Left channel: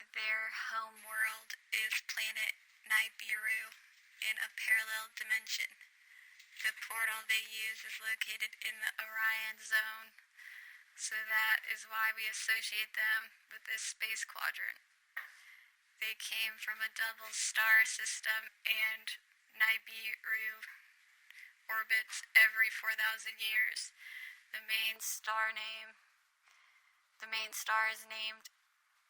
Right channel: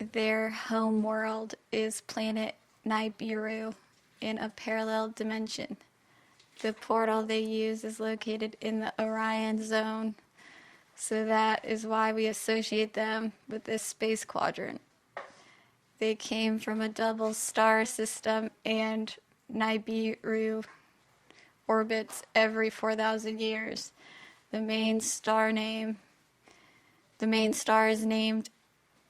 Their home world is planet Nibiru in a parallel dimension. The portal they use is located in the Orion zone, so that is why we associate them with this space quadrant. They came from a double star system, and Nibiru orbits every 4,000 years. The main star is named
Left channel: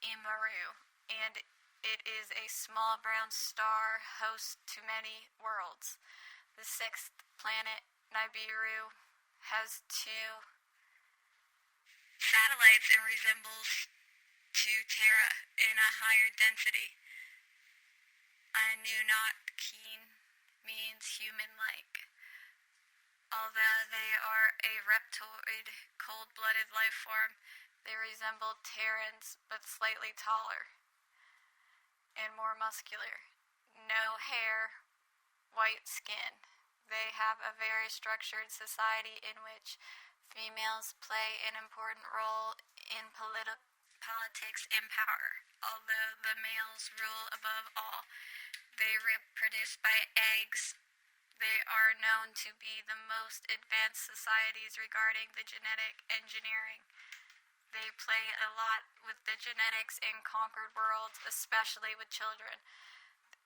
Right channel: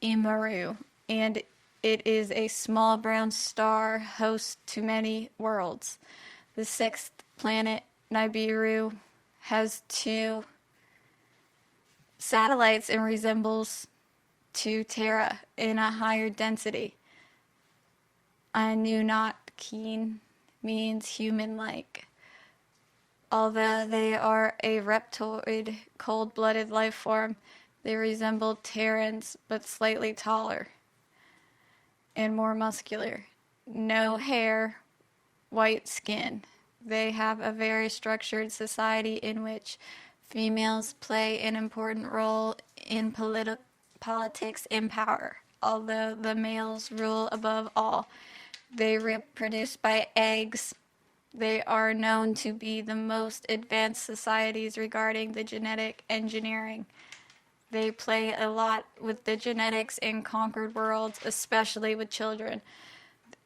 Imaru, and it is a small brown star host to many worlds. The sixth planet, Nibiru, has two satellites and resembles to Terra in a higher density. Anunnaki means human-like. Although they are a reptoid, cold-blooded life form, they resemble Terrans but slightly taller and more muscular. No hair, white skin. They have a very structured society in which females play an important role in politics and power, although the males rule above all. They reproduce by eggs. They are known to be the most advanced societies regarding the genetic engineering. They play a lot with the genetics in conquered worlds, especially with children,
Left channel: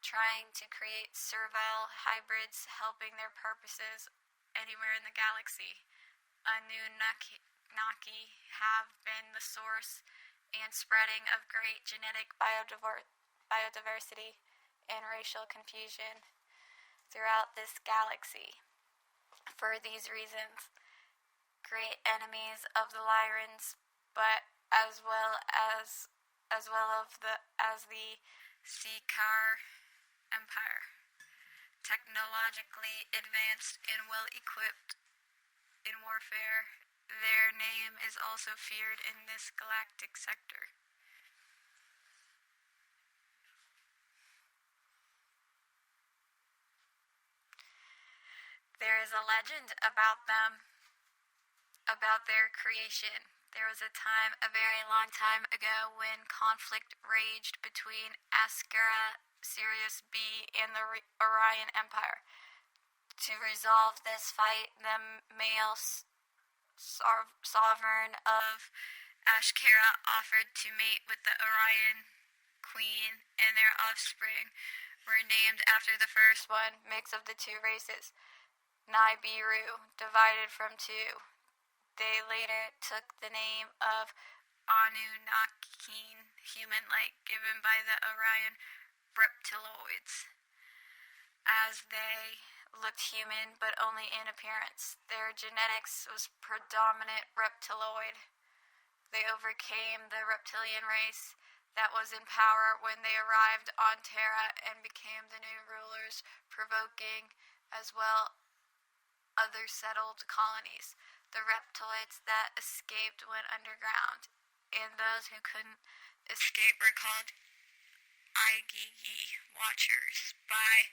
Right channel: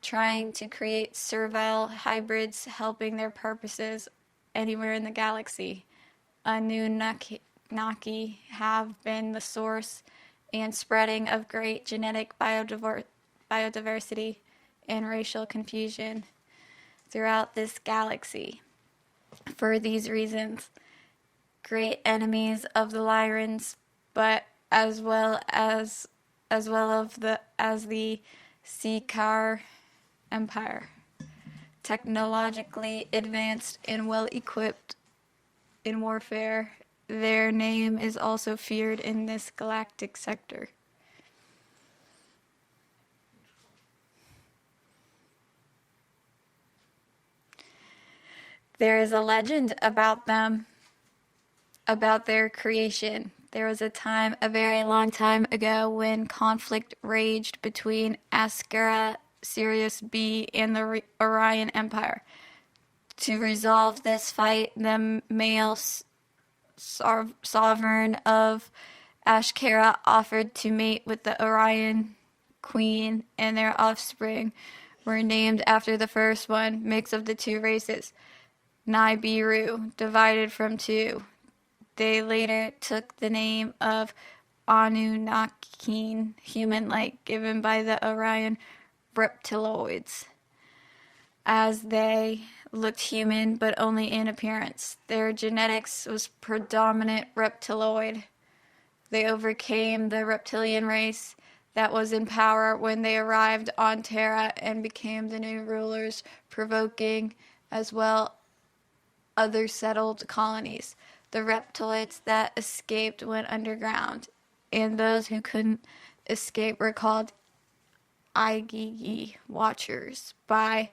trying to create servile hybrids, helping their purposes anywhere in the galaxy. Anunnaki have been the source and spreading of great genetic biodiversity and racial confusion throughout this galaxy. For these reasons, great enemies of the Lyrans, but as well as the Seekar Empire, technologically advanced and well equipped in warfare. Their name is also feared in this galactic sector. There is a legend about them, about their creation. There was a time, a very long time ago, when conflict raged between Askara, Sirius B, and the Orion Empire. To resolve this fight, the male sovereign of Ashkara offered to mate with the Orion queen, and their offspring were named after the first one, mix of the two races. Nibiru, divided from two. They later took the name of Anunnaki, human-like, given by the Orion reptiloids, as they looked human but only in appearance. Their genetics was predominant reptiloid. They overcame the reptilian race that was in power when they arrived on Terra and became the new rulers, provoking as well other settled colonies. The reptoids that escaped went underground, and those who couldn't escape were called Igigi Watchers by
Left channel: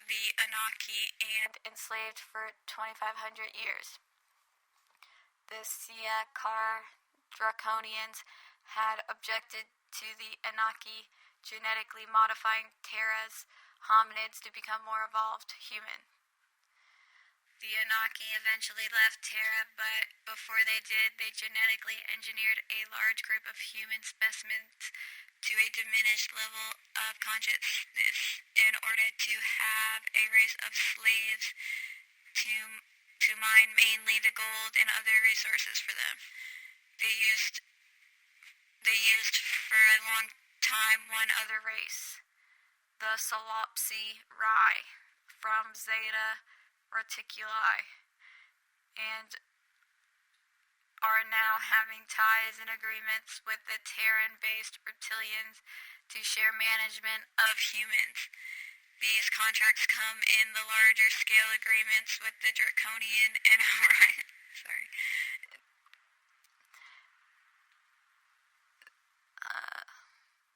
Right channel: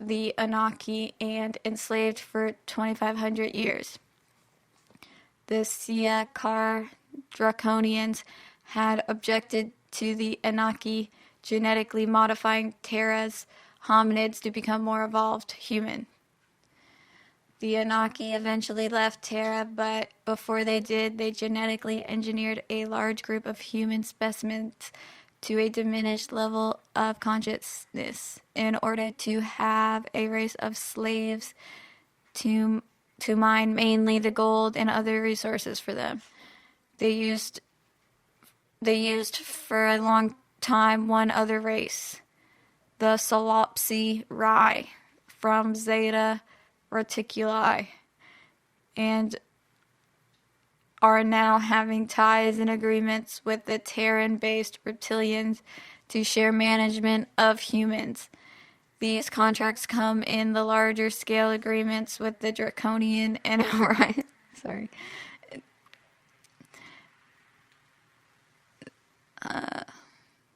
the Anunnaki and enslaved for 2,500 years. The Seekar Draconians had objected to the Anunnaki genetically modifying Terra's hominids to become more evolved human. The Anunnaki eventually left Terra, but before they did, they genetically engineered a large group of human specimens to a diminished level of consciousness in order to have a race of slaves to mine mainly the gold and other resources for them. They used for a long time one other race, the Solopsi Rai from Zeta Reticuli, and are now having ties and agreements with the Terran-based reptilians to share management of humans. These contracts come in the larger scale agreements with the Draconian and Orion. Sorry.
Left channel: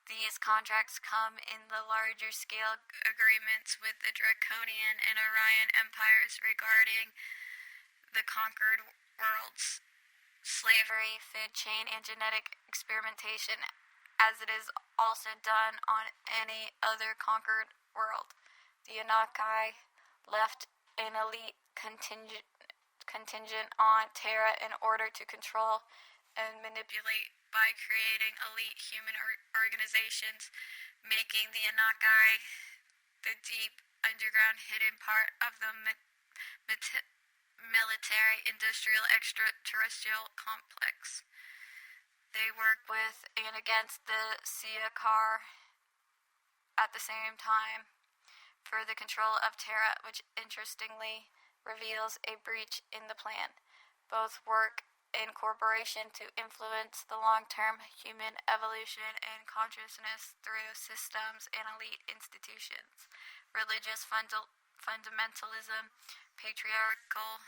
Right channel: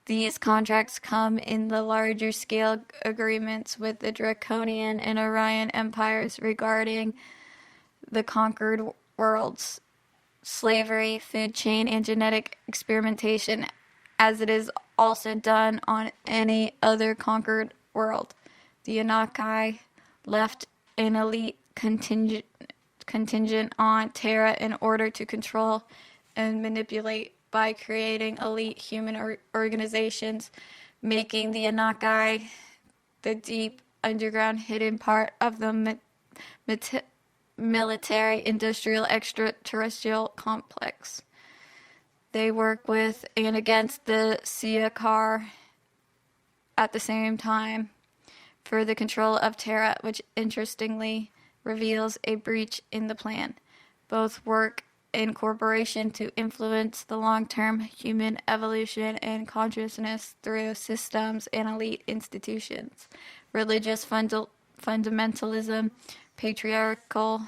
These contracts come in the larger scale agreements with the Draconian and Orion empires regarding the conquered worlds, slavery, food chain, and genetic experimentation. as it is also done on any other conquered world. The Anakai left an elite contingent on Terra in order to control and manipulate by creating elite human organizations, making the Anakai the deep underground hidden part of the military industrial extraterrestrial complex. They work with and against the Siakar at the same time for the control of Terra, which interestingly reveals a breach in the plan. Both work in cooperation to influence the long-term human evolution and consciousness through systems and elite institutions, religious fundamentalism, patriarchal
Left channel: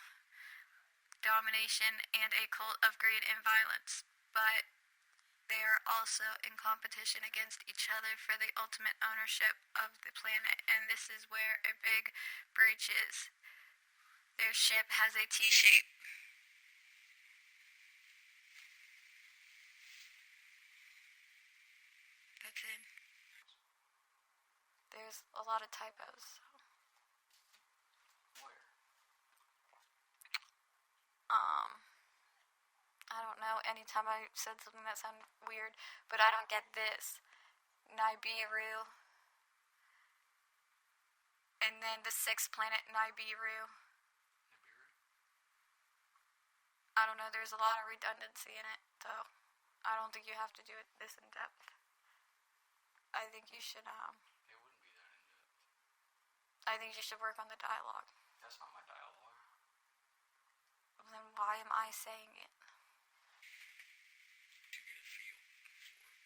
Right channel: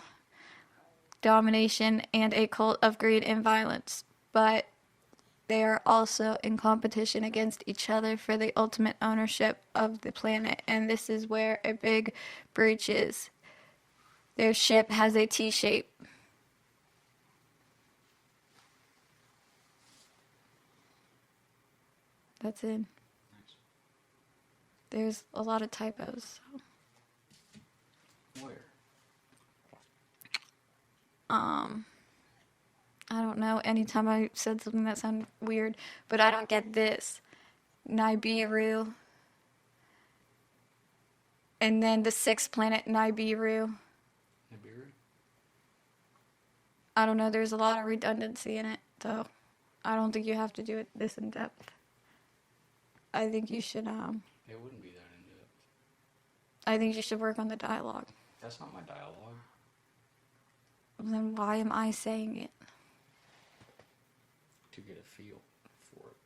domination, and a cult of greed and violence. But they are also in competition against each other for the ultimate ownership of the planet, and this is where a big breach is. Their ship has a T shape. That's it. There's a lot of typos. Where? I don't know. Anytime I said something that sounded weird, but I don't get this. Nibiru. And then the sixth planet, Nibiru. Nibiru? I don't know. There's a lot of redundancy in it, so I don't think you have to do it this in depth. I think you should. It wouldn't be that in depth. I think you should work on the dialogue. That's not my dialogue. Then why am I saying it? To get a feel for it.